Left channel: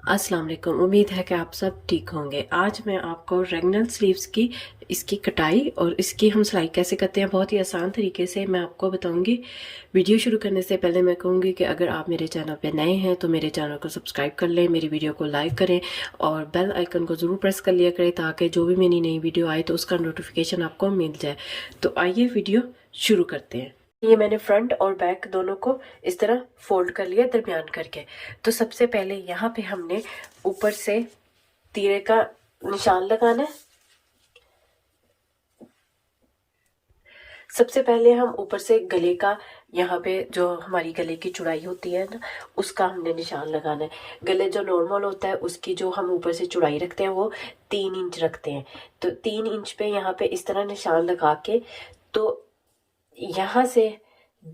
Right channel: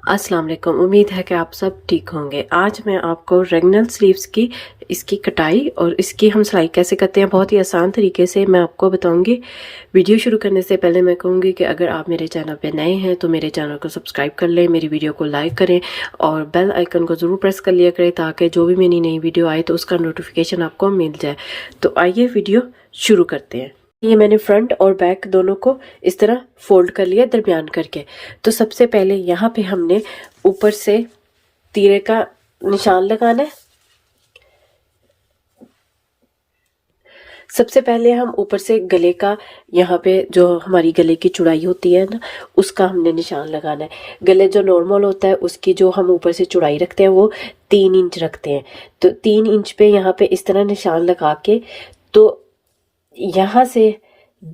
अस्सलाम वालेकुम। उम्मीद है कि आप सब ठीक होंगे। आज मैं आपको रेगनल स्लीव्स की इसकी कटाई और इसकी हम सिलाई कैसे करते हैं बहुत ही आसान तरीके से मैं आपको बताऊंगी। वीडियो शुरू करने से पहले मैं कहूँगी कि अगर आप मेरे चैनल पे नए हैं तो मेरे चैनल को सब्सक्राइब कर लें, मेरी वीडियो को लाइक करें और बेल आइकन को ज़रूर प्रेस कर लिया करें ताकि जो भी मेरी नई वीडियो आए तो उसका नोटिफिकेशन आपको मिल जाए। तो आइए वीडियो शुरू करते हैं। ये मैंने फ्रंट और बैक दोनों को इस तरह फोल्ड कर लिया दरमियान करके। तो सबसे पहले यहाँ पे हमने ऊपर से तीरे का निशान लगाना है। सबसे पहले हम ऊपर से गले का, यहाँ पे जो हमारी गले की चौड़ाई होती है ना, उसका हमने निशान लगाना है। गले जो नॉर्मल होता है उसकी जो हम ऊपर से चौड़ाई रखते हैं वो 3 इंच रखते हैं। तो 3 इंच पे यहाँ पे इस तरह निशान लगा के तो यहाँ से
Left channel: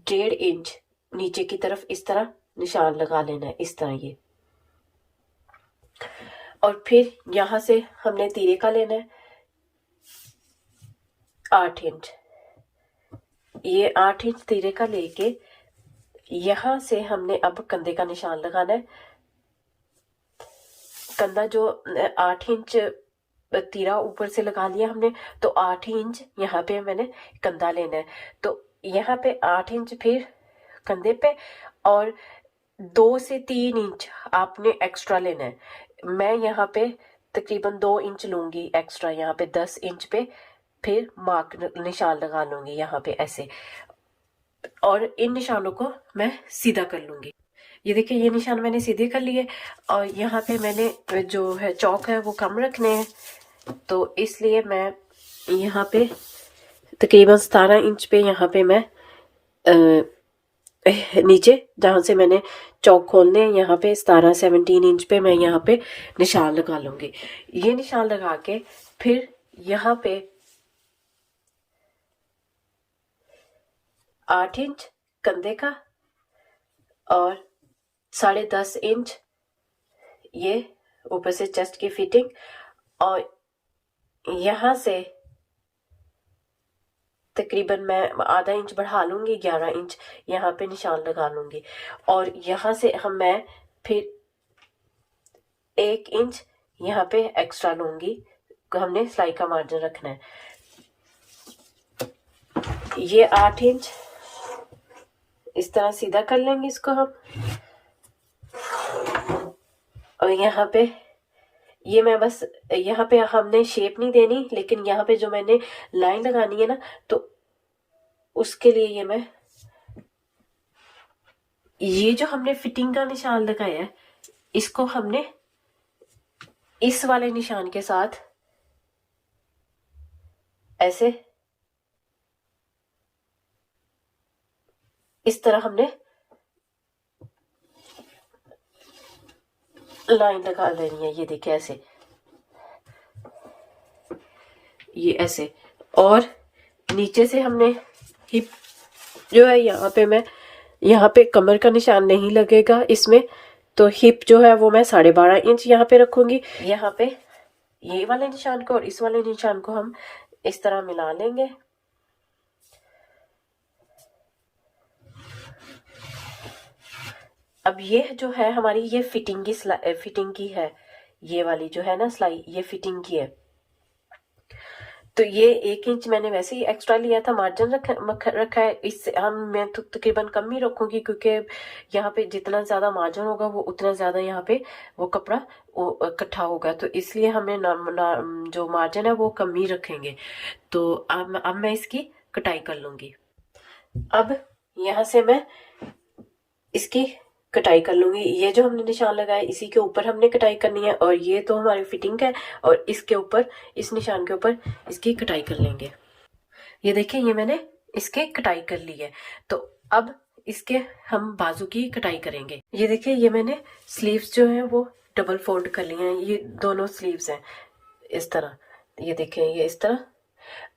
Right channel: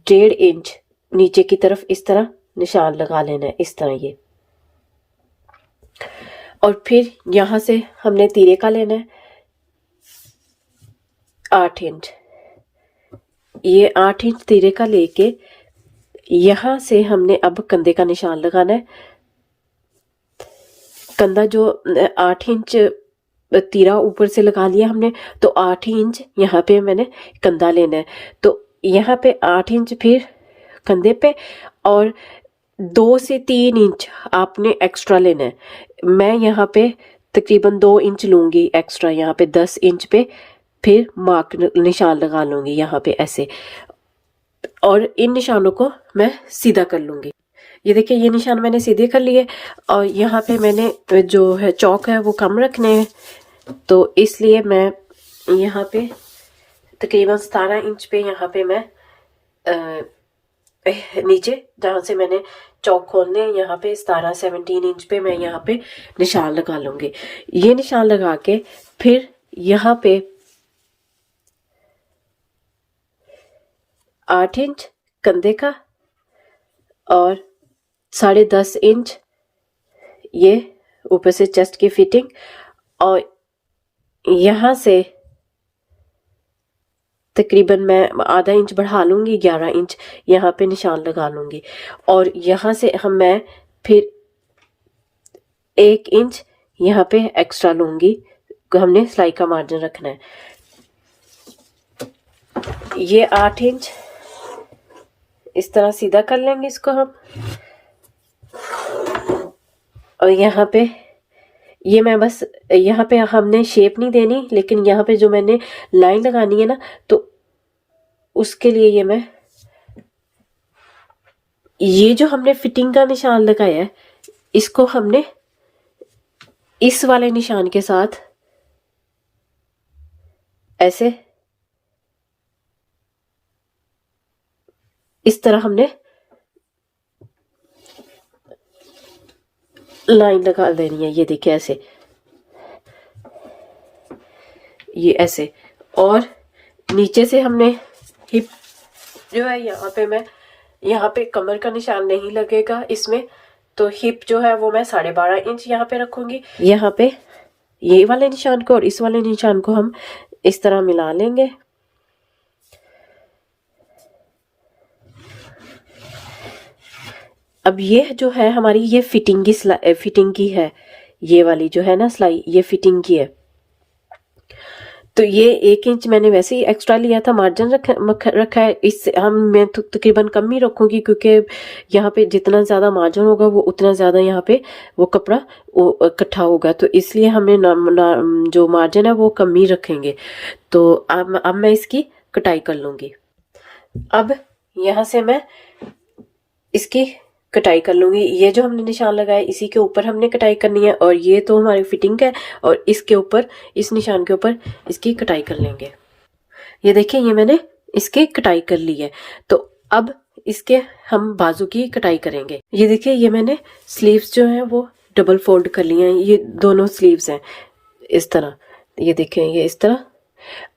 1.5 इंच नीचे की तरफ इस तरह निशान लगा लेना है, इस तरह ये। और फिर यहाँ से हमने तीरे का लेना है 8 इंच। ये 8 इंच तीरे का लेके यहाँ से हमने अब कंधे का निशान लगाना है। कंधा जो 8 इंच तीरा ऊपर से लगा लिया हमने, तो 8 इंच यहाँ पे मैंने कंधा लेना है। तो यहाँ पे 8 इंच फिर कंधे पे और 2 से 3 इंच आपने एक्स्ट्रा लेना है। मैं यहाँ पे तकरीबन 2 इंच लूंगी एक्स्ट्रा, यहाँ पे 10 इंच पे फिर मार्क निशान लगा लूंगी यहाँ पे ऐसे, और इन निशानों को मैं सीधा कर लूंगी। ये देखिए ये निशान मैंने सीधे कर लिए और यहाँ पे मैंने जो है चौक है वो कम रखने हैं, तो इसलिए मैं यहाँ पे तकरीबन 17 इंच पे यहाँ पे मैं नीचे जहाँ से मैंने चौक खोलने हैं यहाँ पे 17 इंच पे मैं यहाँ पे निशान लगा लूंगी। ये निशान लगा के फिर यहाँ पे 8 इंच कंधे का और 10.5 इंच ये ऊपर से चेस्ट की फिटिंग, और यहाँ से तकरीबन मैं आधा इंच बढ़ा लूंगी, 11 इंच यहाँ पे निशान लगा लूंगी। और यहाँ से मैं फिर 1 इंच यहाँ पे एक्स्ट्रा लूंगी, हमने सिलाई का मार्जिन रखना है। ये 8 इंच इस तरह सीधा कर लेंगे इसको हम। और यहाँ पे ये मैं बस यहाँ पे हमने शेप नहीं देनी, लेकिन यहाँ पे जो मैंने लाइन लगानी है ना, तो उसके लिए ये जो हमने फिटिंग का निशान लगाया है इसको हमने इस वाले निशान के साथ ऐसे इस तरह हमने लाइन लगा देनी है। ये देखिए ऐसे, ये ऐसे। और नीचे से हमने हिप जो है यहाँ पे कमर का निशान नहीं लगेगा इसमें, तो हिप जो है वो मैं 12.5 इंच यहाँ पे रखूंगी। यहाँ पे ये वाले निशान को और इस वाले निशान को हम इस तरह मिला लेंगे। अब ये जो है हमारी ये फिटिंग की है, ये वाली जो है ना सिलाई, ये फिटिंग की है। तो ये 1 इंच मैंने वैसे ही एक्स्ट्रा लिया था, मार्जिन रखा है। इससे मैं तकरीबन कम ही रखूंगी क्योंकि यहाँ पे जितना ज्यादा मार्जिन होगा वो उतना ज्यादा यहाँ पे वो कपड़ा इकट्ठा होगा, तो इसलिए हमने जो मार्जिन है वो कम ही रखेंगे। तो अब मैं इसकी कटाई कर लूंगी। अब यहाँ से मैं इसकी कटाई कर लूंगी। ये जो हमने निशान लगाया इसी के ऊपर हमने कटाई करनी है, और ये तो हमारी फिटिंग है, और इसके ऊपर इस निशान के ऊपर इसकी कटाई कर लेंगे। ये देखिए ये मैंने इसकी कटाई कर ली है। तो अब इसके हम बाजू की कटाई करेंगे। ये देखिए ये मैंने स्लीव्स जो है वो डबल फोल्ड कर लिए हैं, ये दोनों स्लीव्स हैं इस तरह। ये देखें ये इस तरह।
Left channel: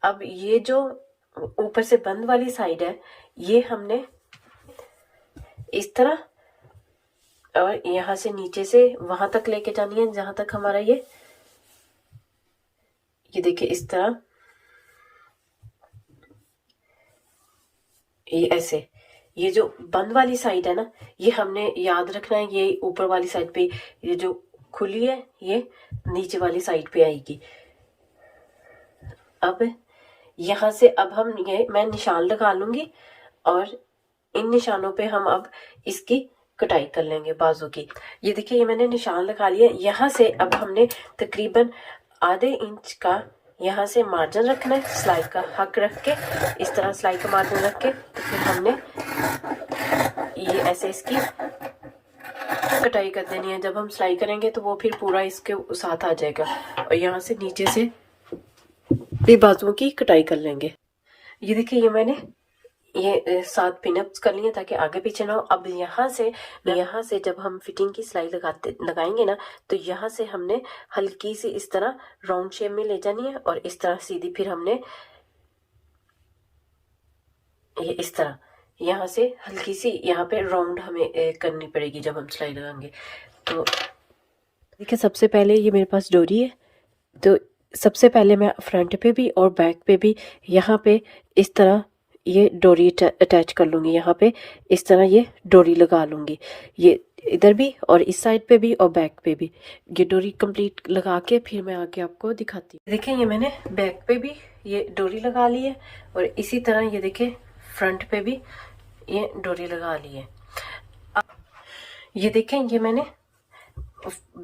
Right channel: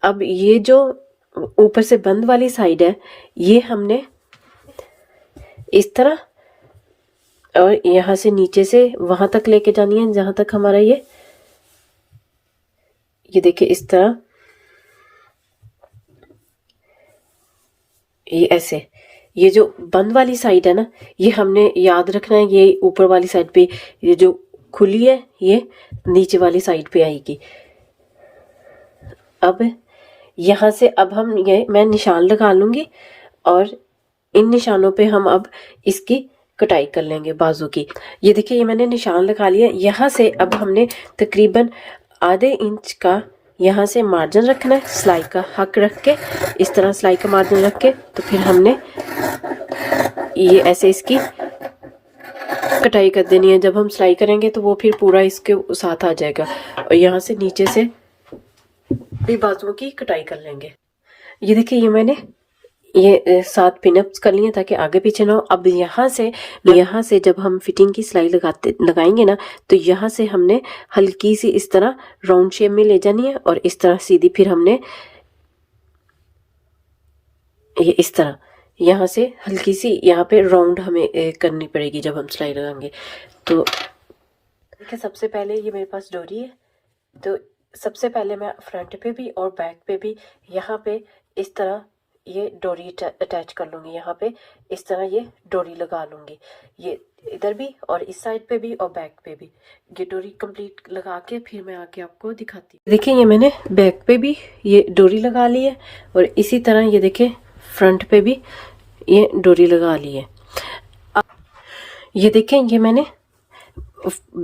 अब ये जो ऊपर से बंद वाली साइड है ये हमने इस तरह और यहाँ से नीचे से वहां तक लेके जानी है जहां तक हमारा ये देखिए इस तरह, ये ऐसे। ये जो बंद वाली साइड है ना, ये हमने याद रखना है, ये ऊपर वाली साइड पे ये जो खुली है, ये नीचे वाली साइड पे आएगी। अब यहाँ से अब हम ये मैं निशान लगा लूंगी और इन निशानों पे हम अब इसकी कटाई कर लेंगे बाजू की। ये देखिए ये मैंने निशान लगा लिया। यहाँ से अब हमने तकरीबन आधे इंच का यहाँ से मार्जिन रखना है, सिलाई का हक रख के, इस तरह सिलाई का मार्जिन रख के, तो फिर हमने ये ऐसे इसकी कटाई कर देनी है। जब हम सिलाई करेंगे तो वो फिर पूरा इसके साथ आ जाएगा और यहाँ से नीचे से भी बाजुओं की कटाई कर लेंगे। ये देखिए ये मैंने ये 7 पिनअप्स कर लिए ताकि आगे पीछे ना हो। अब यहाँ से जब हम फिटिंग की सिलाई लगाएंगे ना, तो यहाँ से हमने हल्की सी इस तरह राउंड शेप में ले जानी है और इस तरह सीधी फिर हमने ये इस तरह यहाँ से हल्की सी यहाँ पे राउंड हमें करनी पड़ेगी जब हम सिलाई लगाएंगे। तो देखिए सबसे पहले ये मेरे पास डोरी है, तो सबसे पहले मैं फ्रंट पे भी और बैक पे भी यहाँ पे इस तरह ये डोरी अटैच कर लूँगी। यहाँ पे इस तरह ये डोरी लगा लूँगी, ये इधर भी और इस साइड पे भी और बैक पे भी ये डोरी कंप्लीट लगा के फिर मैं आके आपको दिखाती हूँ। देखिए ये मैंने बैक पे भी ये डोरी लगा ली है और इसी तरह ये देखिए फ्रंट पे भी ये डोरी लगा ली है। अब ये देखें ये मैंने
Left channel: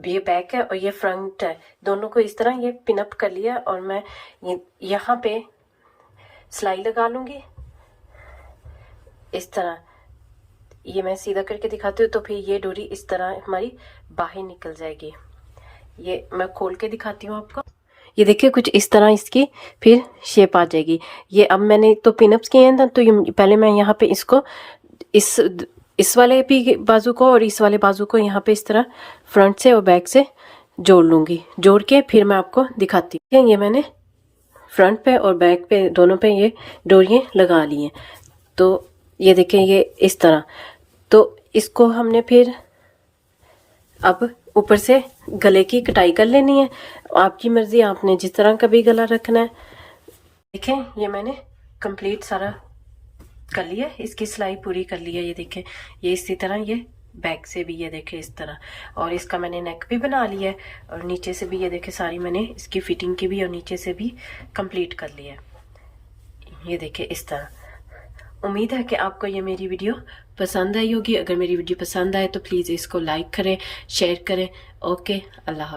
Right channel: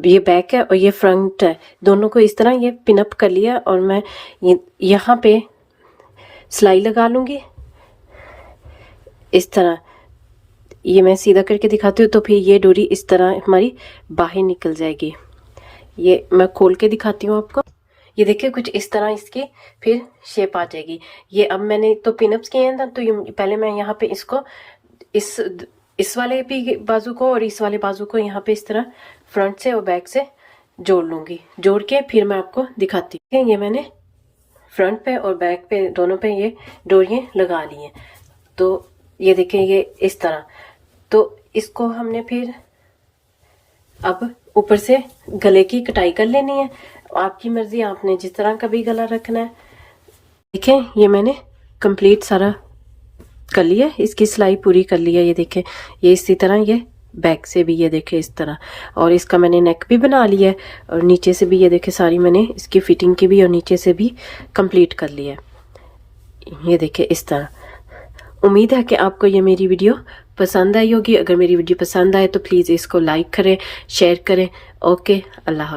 ये बैक है और ये फ्रंट है, दोनों को इस तरह ये पिनअप कर लिया और मैं यहाँ पे सिलाई लगा लूँगी इस तरह। ये मैं सीधा करके दिखाती हूँ तो फिर ये डोरी इस तरह हमारी बाहर निकल जाएगी। ये मैं खोल के दिखाती हूँ आपको। ये देखिए कुछ इस तरह इसकी फिर शेप आ जाएगी। ये अब मैंने तो पिनअप्स किए हैं ना, तो ये पहले मैं यहाँ पे इसको इस वाले भी बाजू को और इस वाले बाजू को यहाँ पे इस तरह फ्रंट से और बैक से जोड़ लूँगी। जोड़ के फिर मैं आपको दिखाती हूँ। ये मैंने फ्रंट पे और बैक पे दोनों पे ये डोरियाँ लगा ली हैं। तो ये देखें ये इस तरह, तो इसको हमने फिर अब ऊपर से गले की कटाई कर लेनी है। आपकी मर्जी, आपने जिस तरह का भी गला रखना है। देखें ये मैंने कंप्लीट सारा कर लिया, इसकी सिलाई पूरी कर ली है। ये देखें ये इसी तरह ये बैक से भी ये देखें इस तरह, और इसका मैंने नेक भी बना लिया है और नीचे से भी ये देखें सारी मैंने इसकी फिटिंग की भी और नीचे से भी कंप्लीट कर लिया है। ये देखें इस तरह। उम्मीद है कि आपको ये मेरी वीडियो पसंद आई होगी। अगर मेरी वीडियो पसंद आए तो प्लीज़ इसको लाइक करें, शेयर करें। ओके, अल्लाह।